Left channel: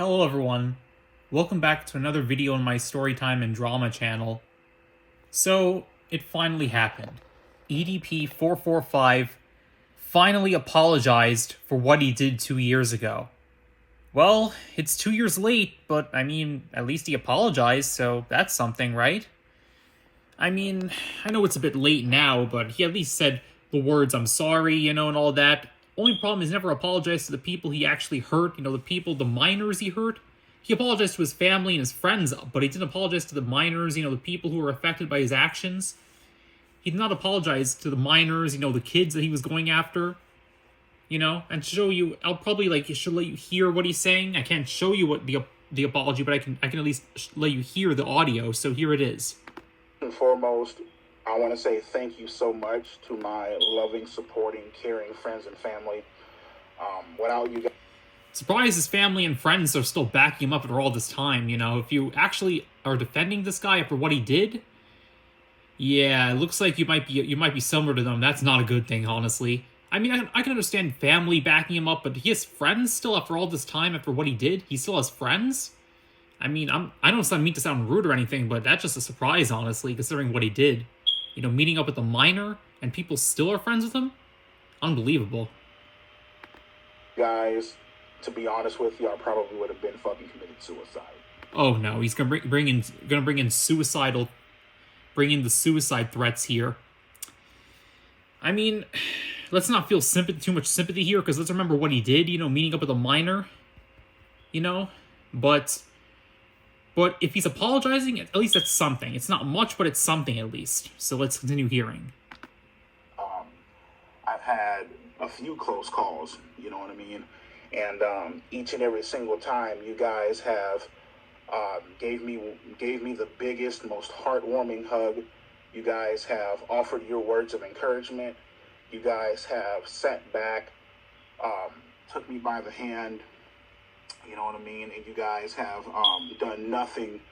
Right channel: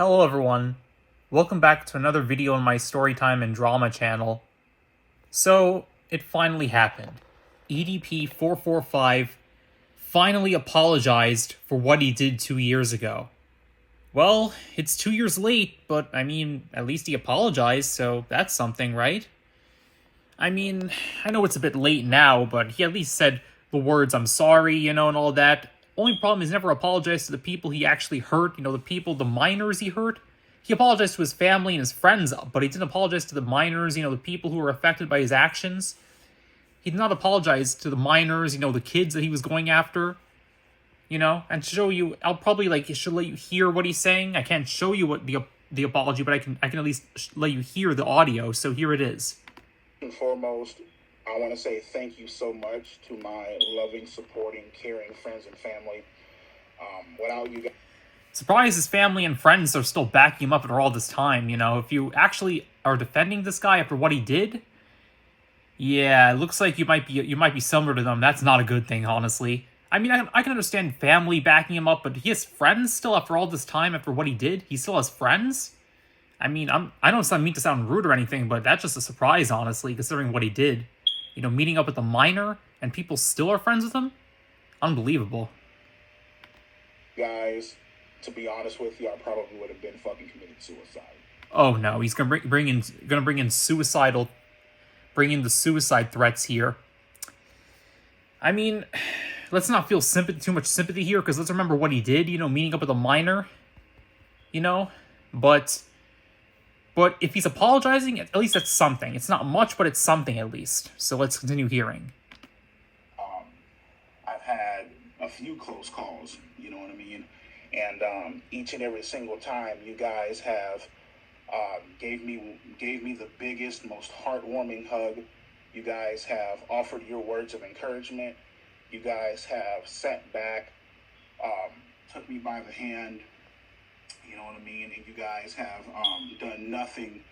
Hello everyone, welcome back to another video on my Storytime and Drama channel. So, it finally happened. EDP445 finally apologized for what he did 2 years ago. Well, it's 2 years late, but I mean, at least he apologized, so that's something, right? I mean, I know it's a bit late now, but he at least said the words, "I'm sorry," and all that. Only problem is he never apologized to the people he actually hurt, the minors he hurt. He apologized to his family and his friends, but he didn't apologize to the minors, the people who were affected by his actions. He did not apologize to the minors, the kids that he was going after, and show you, I'll probably, should let you hear what he's saying. I can't show you what the apology, but I can at least let you hear the audio, so here it is. And foremost, I want to say thank you so much to my loving, supporting, caring friends and family. Without you guys... Surprised his family and friends are still backing him up after all this time, If you actually are defending this guy after what he did, yeah, it looks like you might be similar to them. That's not a good thing, honestly. I mean, I can understand family backing him up, but he has friends still after all this time, after what he did? He still has friends? I mean, I don't mean to sound rude or anything, but that's just a surprise, honestly, considering what he did. Meeting up with a minor, and people still are friends with him? Unbelievable. Guys, to be honest with you, I probably would have been fucking committed suicide. Oh no, he's gonna bring in the suicide threats here. I mean, let's not feel too much sympathy here, because let's remember what he did, meeting up with a minor, But if he's apologizing, at least that's something. It's not much, but it's something at least. So let's continue hearing. I've had a few close calls, you know what I mean? And each and every single time, you guys have gave me the biggest, most heartwarming hug. You guys have offered your words of encouragement. You guys have sat back, took me by the hand. You know what I mean? And you guys have done nothing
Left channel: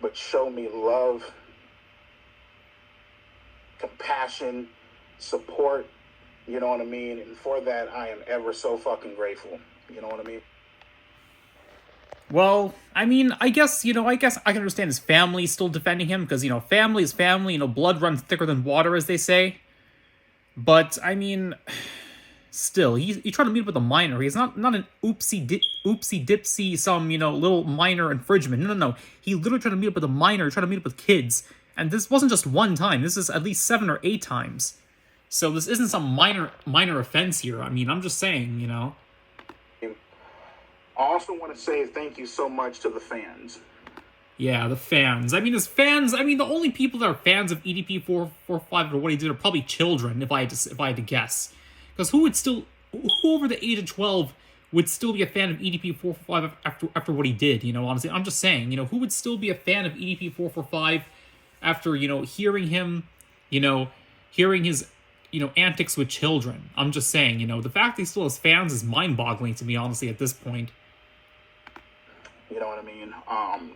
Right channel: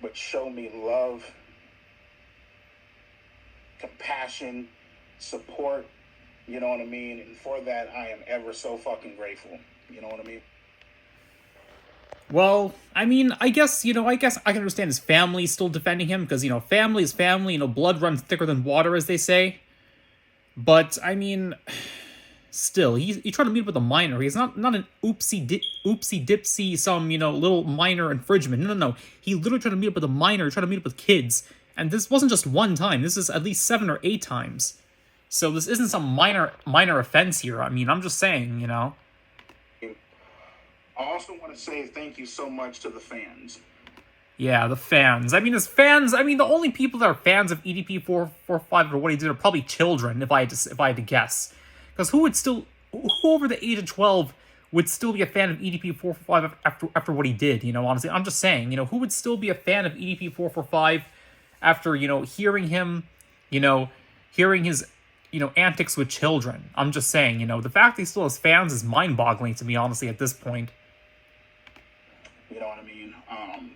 but show me love, compassion, support. You know what I mean? And for that, I am ever so fucking grateful. You know what I mean? Well, I mean, I guess I can understand his family still defending him, because, family is family, blood runs thicker than water, as they say. But, I mean... Still, he tried to meet up with a minor. He's not an oopsie dipsy, some, little minor infringement. No. He literally tried to meet up with a minor, tried to meet up with kids. And this wasn't just one time. This is at least 7 or 8 times. So this isn't some minor offense here. I mean, I'm just saying, I also want to say thank you so much to the fans. Yeah, the fans. I mean, the only people that are fans of EDP445 or what he did are probably children, if I had to guess. Because who over the age of 12 would still be a fan of EDP445 after what he did, honestly? I'm just saying, who would still be a fan of EDP445 after, hearing him, hearing his, antics with children? I'm just saying, the fact that he still has fans is mind-boggling to me, honestly, at this point. You know what I mean?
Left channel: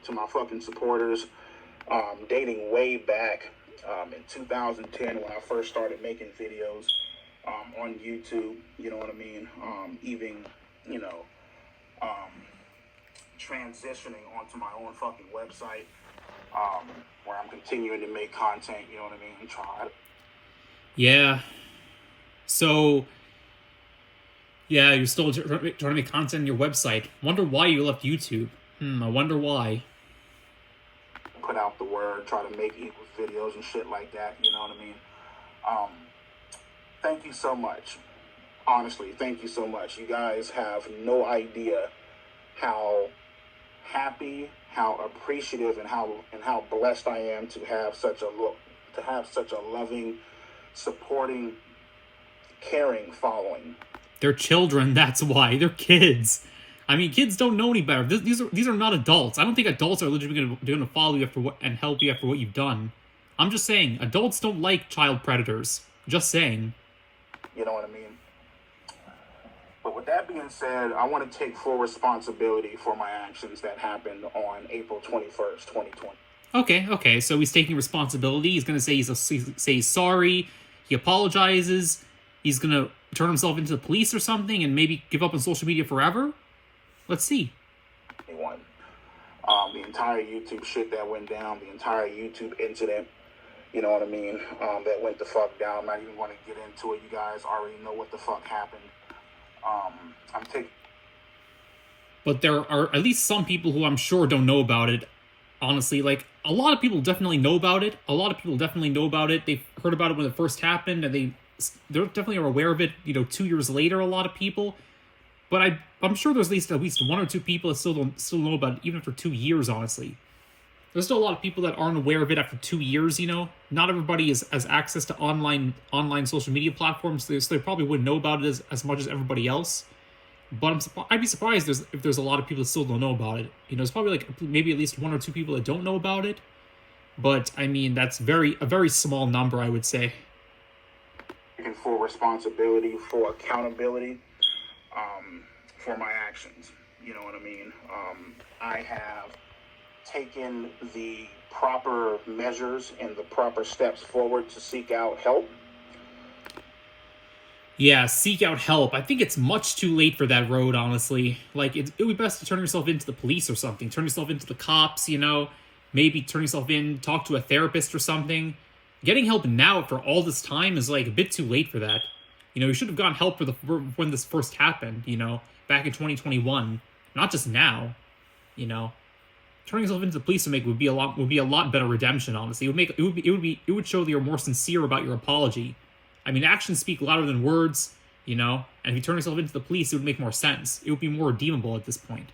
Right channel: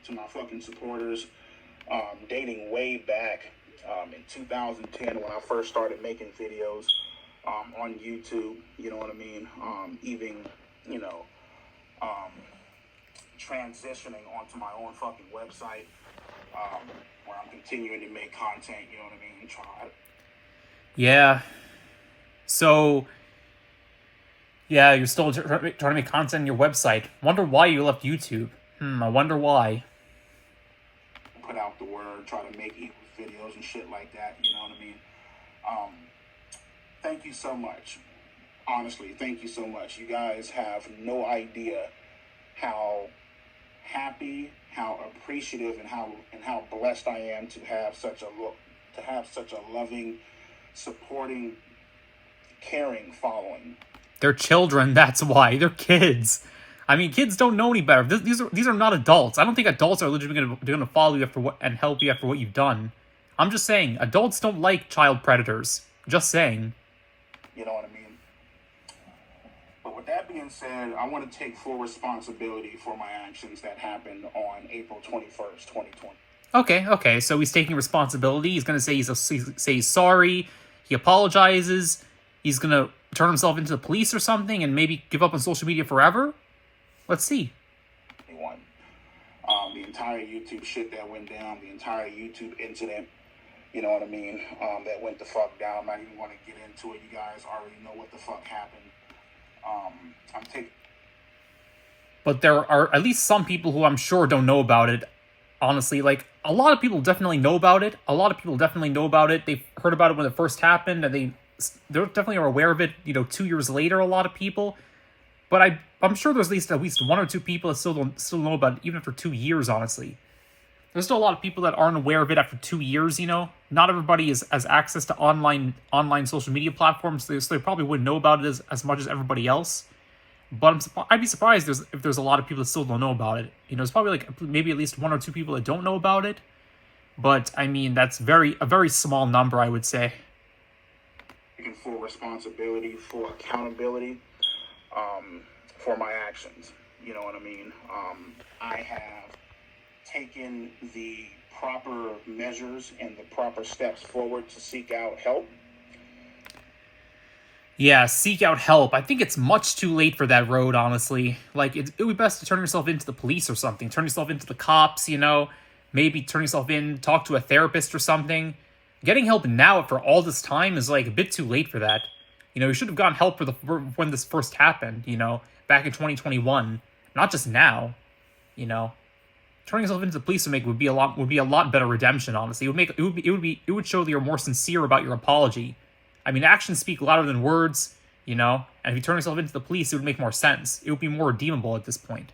To my fucking supporters, dating way back in 2010 when I first started making videos, on YouTube, you know what I mean? Even, transitioning onto my own fucking website, where I'm continuing to make content, you know what I mean? Yeah. So, yeah, you're still trying to make content on your website. Wonder why you left YouTube. I wonder why. Put out the word, try to make equal videos and shit like that, you know what I mean? Thank you so much. Honestly, thank you so much. You guys have no idea how happy, how appreciative, and how blessed I am to have such a loving, supporting, caring following. They're children, that's why. They're kids. I mean, kids don't know any better. These are not adults. I don't think adults are legitimately going to follow you and help you after what you've done. I'm just saying, adults don't like child predators. Just saying. You know what I mean? But with that being said, I want to take full responsibility for my actions that happened on April 21st, 2020. Okay, so he's taking responsibility. He's going to say he's sorry. He apologizes. He's going to turn himself into the police or something and maybe give up on social media forever? Let's see. The entire YouTube shit that went down, the entire YouTube incident, you know what I mean, that went the fuck down. I'm not even going to get into it. You guys already know what the fuck happened. I'm taking... But there are at least some people who I'm sure don't know about it. Honestly, like, a lot of people definitely know about it. A lot of people definitely know about it. They've heard about it when it first happened, and they definitely are aware of it, 2 years later, a lot of people. But I'm sure there's at least one or two people that still know about it, even after 2 years, honestly. There's still a lot of people that aren't aware of it after 2 years, Not everybody has access to online social media platforms, so they probably wouldn't know about it as much as everybody else. But I'd be surprised if there's a lot of people that still don't know about it. It's probably like maybe at least one or two people that don't know about it. But I mean, that's a very small number, I would say. Taking full responsibility, full accountability for my actions. You know what I mean? I have taken the proper measures and the proper steps forward to seek out help. Yeah, seek out help. I think it's much too late for that road, honestly. Like, it would be best to turn yourself into the police or something. Turn yourself into the cops, Maybe turn yourself in, talk to a therapist or something. Getting help now for all this time is, like, a bit too late for that. You should have gotten help for when this first happened, back in 2021. Not just now, Turning yourself into the police would be a lot better redemption, honestly. It would show that you're more sincere about your apology. I mean, actions speak louder than words, and if you turn yourself into the police, it would make more sense. It would be more redeemable at this point.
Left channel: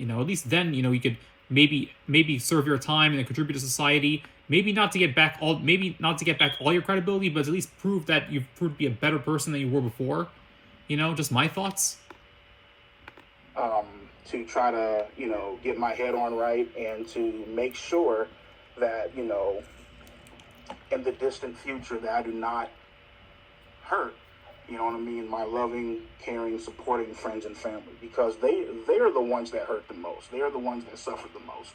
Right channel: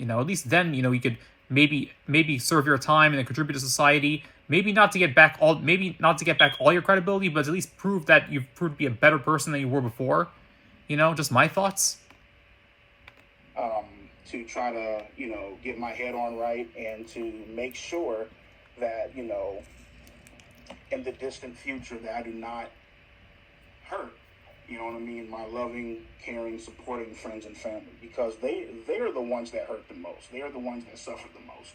At least then, you could maybe serve your time and then contribute to society. Maybe not to get back all your credibility, but at least prove that you've proved to be a better person than you were before. Just my thoughts. To try to, get my head on right and to make sure that, in the distant future that I do not hurt, my loving, caring, supporting friends and family, because they're the ones that hurt the most. They're the ones that suffer the most.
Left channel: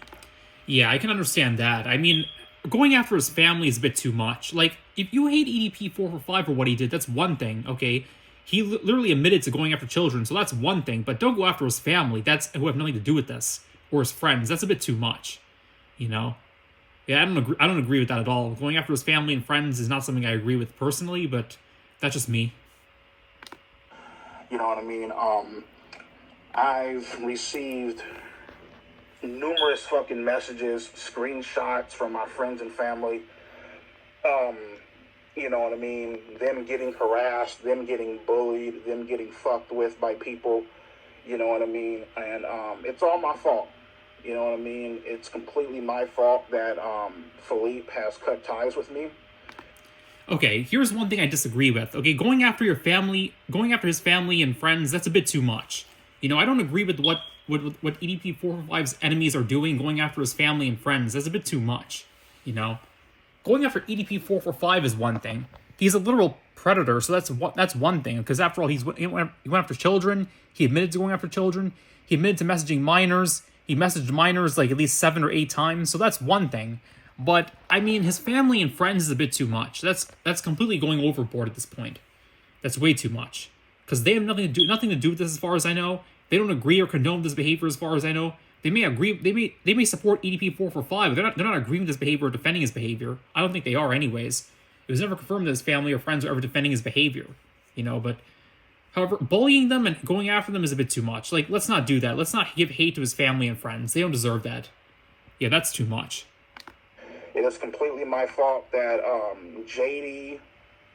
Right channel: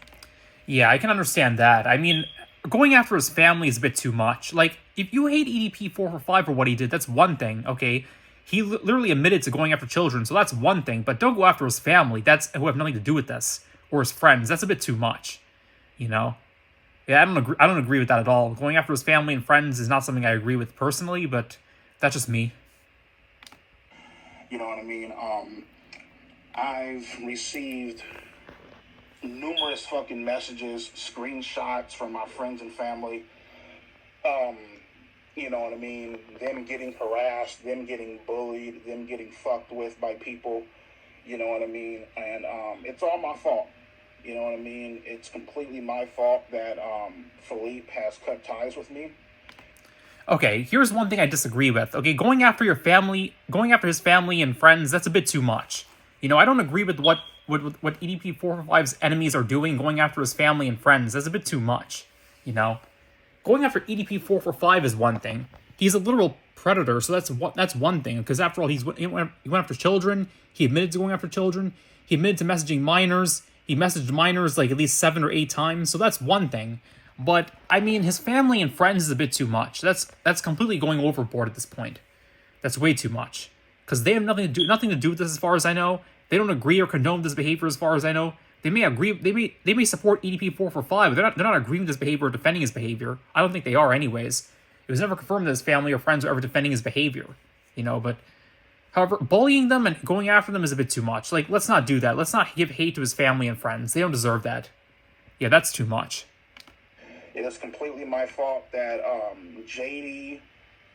Yeah, I can understand that. I mean, going after his family is a bit too much. Like, if you hate EDP445 for what he did, that's one thing, okay? He literally admitted to going after children, so that's one thing. But don't go after his family. Who have nothing to do with this, or his friends. That's a bit too much, Yeah, I don't agree with that at all. Going after his family and friends is not something I agree with personally, but that's just me. You know what I mean? I've received numerous fucking messages, screenshots from my friends and family. You know what I mean? Them getting harassed, them getting bullied, them getting fucked with by people. You know what I mean? And it's all my fault. You know what I mean? It's completely my fault that Philippe has cut ties with me. Okay, here's one thing I disagree with. Okay, going after his family and friends, that's a bit too much. I don't agree with what EDP445's enemies are doing, going after his family and friends. That's a bit too much. Going after EDP445 is one thing. He's a literal predator, so that's one thing. Because after all, he went after children. He admitted to going after children. He admitted to messaging minors. He messaged minors like at least 7 or 8 times. So that's one thing. But I mean, his family and friends is a bit too much. That's completely going overboard at this point. That's way too much. Because they have nothing to do with this, as far as I know. They don't agree or condone this behavior, as far as I know. They may agree. They may support EDP445, but they're not agreeing with his behavior or defending his behavior. I don't think they are, anyways. It was never confirmed that his family or friends were ever defending his behavior. But however, bullying them and going after them is a bit too much. Like, let's not do that. Let's not give hate to his family and friends. They don't deserve that. Yeah, that's too much. It is completely my fault that JD,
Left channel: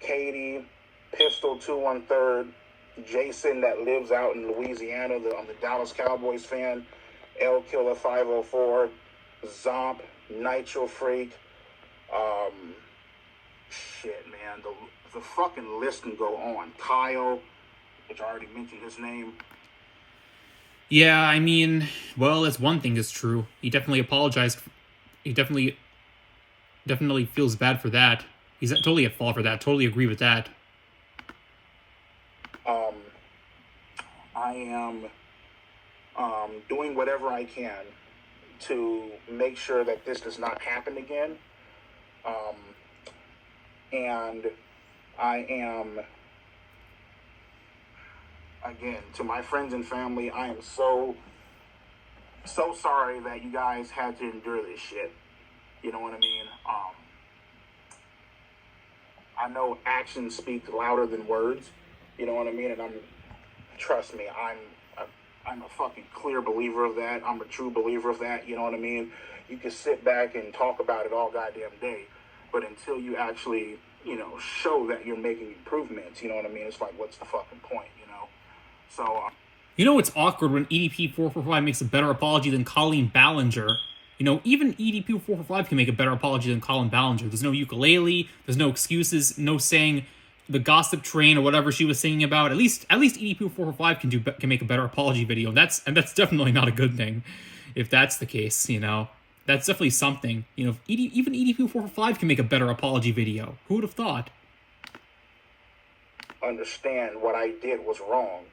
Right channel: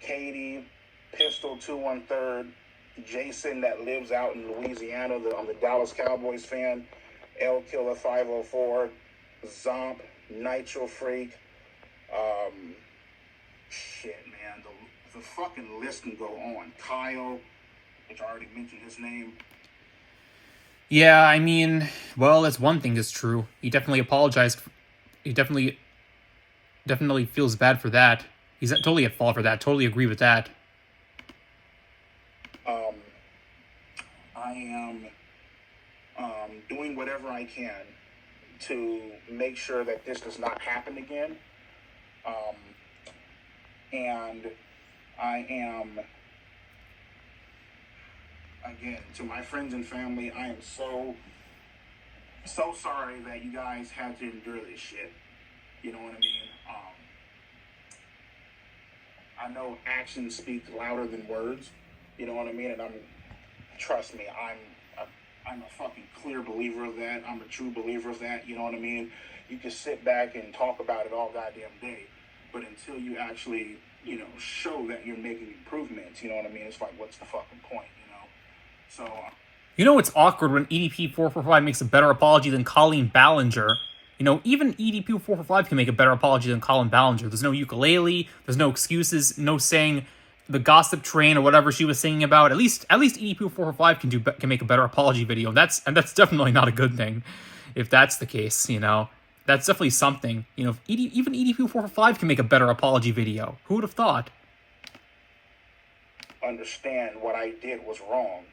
Katie, Pistol 213, Jason that lives out in Louisiana, I'm the Dallas Cowboys fan, L Killer 504, Zomp, Nitro Freak, shit, man, the fucking list can go on. Kyle, which I already mentioned his name. Yeah, I mean, well, that's one thing that's true. He definitely apologized. He definitely feels bad for that. He's totally at fault for that. Totally agree with that. I am doing whatever I can to make sure that this does not happen again. And I am, again, to my friends and family, I am so So sorry that you guys had to endure this shit. You know what I mean? I know actions speak louder than words. You know what I mean? And trust me, I'm a fucking clear believer of that. I'm a true believer of that. You know what I mean? You can sit back and talk about it all goddamn day, but until you actually, show that you're making improvements, you know what I mean? It's like, what's the fucking point, So. It's awkward when EDP445 makes a better apology than Colleen Ballinger. Even EDP445 can make a better apology than Colin Ballinger. There's no ukulele, there's no excuses, no saying the gossip train or whatever she was singing about. At least EDP445 can make a better apology video. And that's definitely not a good thing, if that's the case. That's definitely something. Even EDP445 can make a better apology video. Who would have thought? Understand what I did was wrong,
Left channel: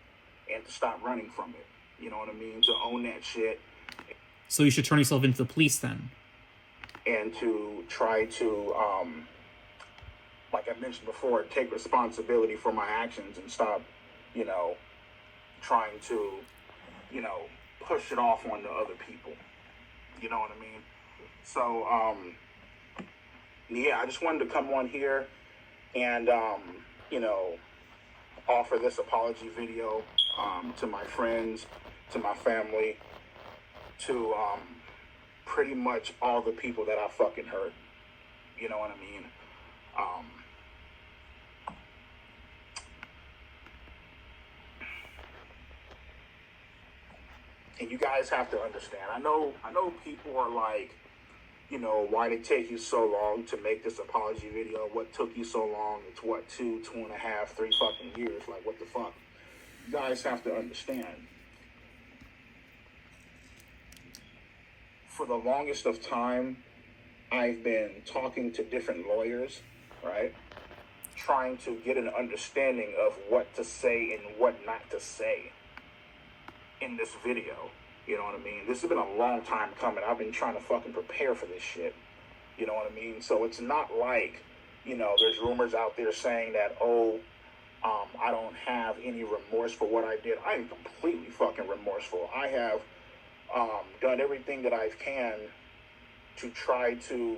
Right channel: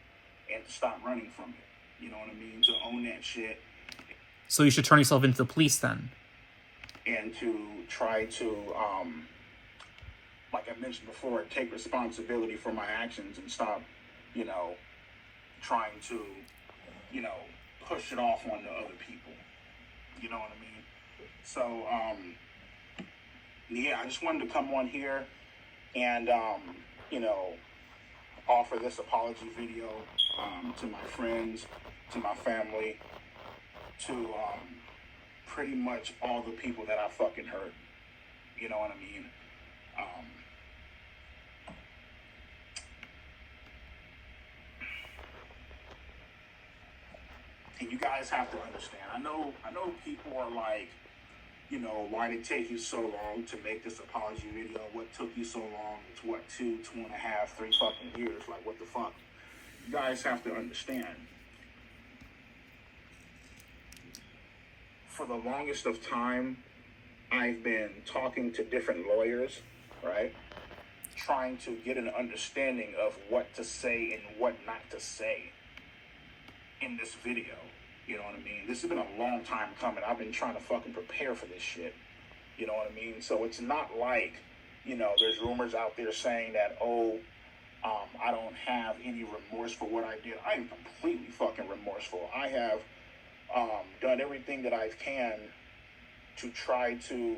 and to stop running from it. You know what I mean? To own that shit. So you should turn yourself into the police then. And to try to, like I mentioned before, take responsibility for my actions and stop, trying to, push it off onto other people. You know what I mean? So, yeah, I just wanted to come on here and, offer this apology video to my friends, to my family, to pretty much all the people that I fucking hurt. You know what I mean? And you guys have to understand. I know people are like, why did it take you so long to make this apology video? What took you so long? It's what, 2.5, 3 fucking years. Like, what the fuck? You guys have to understand. For the longest of time, I've been talking to different lawyers, right? Trying to get an understanding of what to say and what not to say in this video. You know what I mean? This has been a long time coming. I've been trying to fucking prepare for this shit. You know what I mean? So it's not like, there's rumors out there saying that, I don't have any remorse for what I did. I am completely fucking remorseful. I have done everything that I can to try to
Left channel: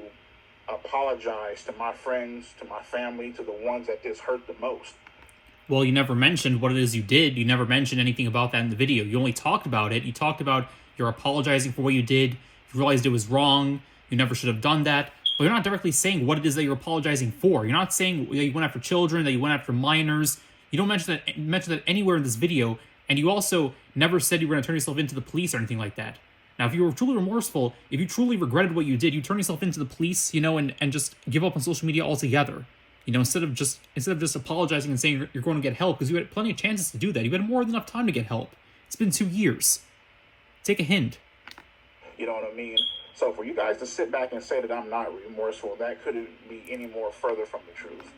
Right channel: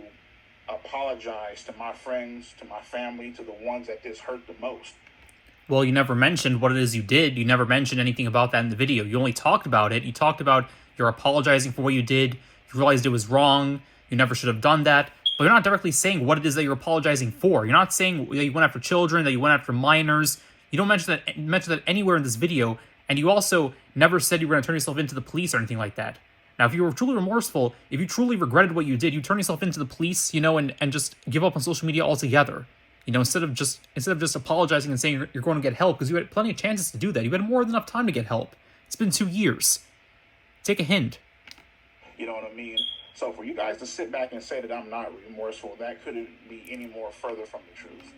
apologize to my friends, to my family, to the ones that this hurt the most. Well, you never mentioned what it is you did. You never mentioned anything about that in the video. You only talked about it. You talked about you're apologizing for what you did. You realized it was wrong. You never should have done that. But you're not directly saying what it is that you're apologizing for. You're not saying that you went after children, that you went after minors. You don't mention that anywhere in this video. And you also never said you were going to turn yourself into the police or anything like that. Now, if you were truly remorseful, if you truly regretted what you did, you turn yourself into the police, and just give up on social media altogether. Instead of just apologizing and saying you're going to get help, because you had plenty of chances to do that. You had more than enough time to get help. It's been 2 years. Take a hint. You know what I mean? So for you guys to sit back and say that I'm not remorseful, that couldn't be any more further from the truth.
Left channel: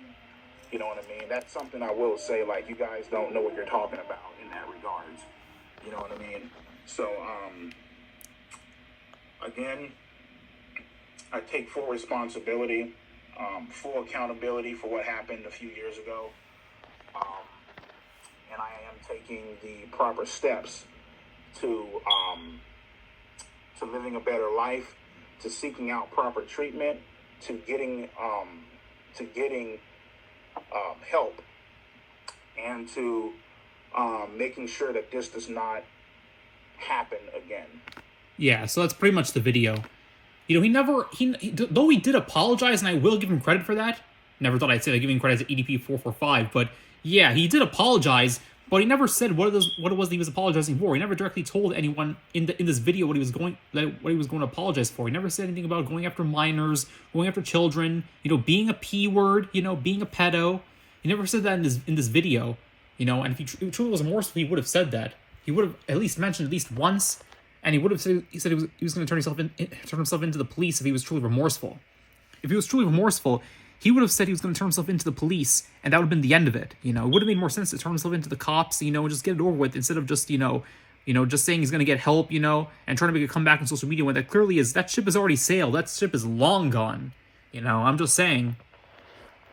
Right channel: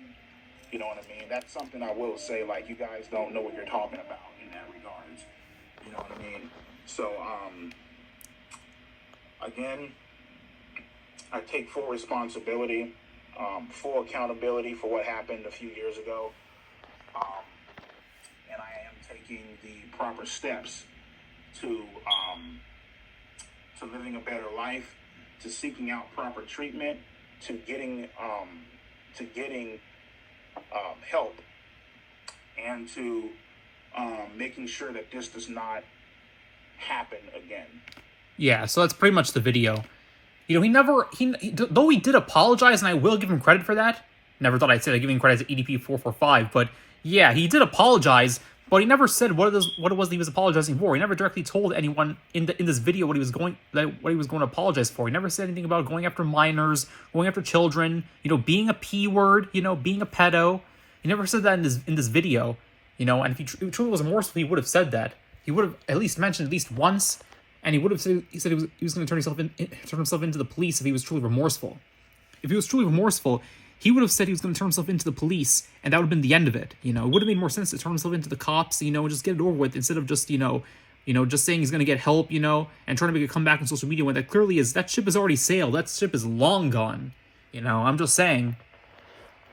You know what I mean? That's something I will say, like, you guys don't know what you're talking about in that regards. You know what I mean? So, again, I take full responsibility, full accountability for what happened a few years ago. And I am taking the proper steps to living a better life, to seeking out proper treatment, to getting help, and to making sure that this does not happen again. Yeah, so that's pretty much the video. Though he did apologize, and I will give him credit for that. Never thought I'd say that giving credit to EDP445, but yeah, he did apologize, but he never said what it was that he was apologizing for. He never directly told anyone in this video what he was going to apologize for. He never said anything about going after minors, going after children, being a P word, being a pedo. He never said that in this video, and if he truly was remorseful, he would have said that. He would have at least mentioned at least once. And he would have said he was going to turn himself into the police if he was truly remorseful. If he was truly remorseful, he would have said he was going to turn himself into the police, and that would have been the end of it. It would have made more sense to turn himself into the cops, and just get it over with, instead of just just saying he's going to get help, and trying to make a comeback on social media when that ship has already sailed. That ship is long gone. I'm just saying.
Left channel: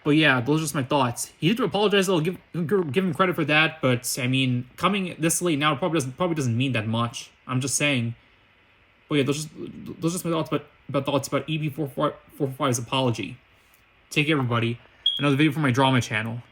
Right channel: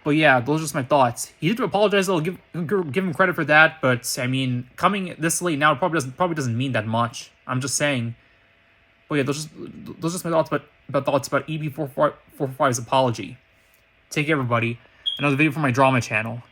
But yeah, those are just my thoughts. He did apologize. I'll give him credit for that. But I mean, coming this late now probably doesn't mean that much. I'm just saying. But yeah, those are just my thoughts about EDP445's apology. Take care, everybody. Another video from my drama channel.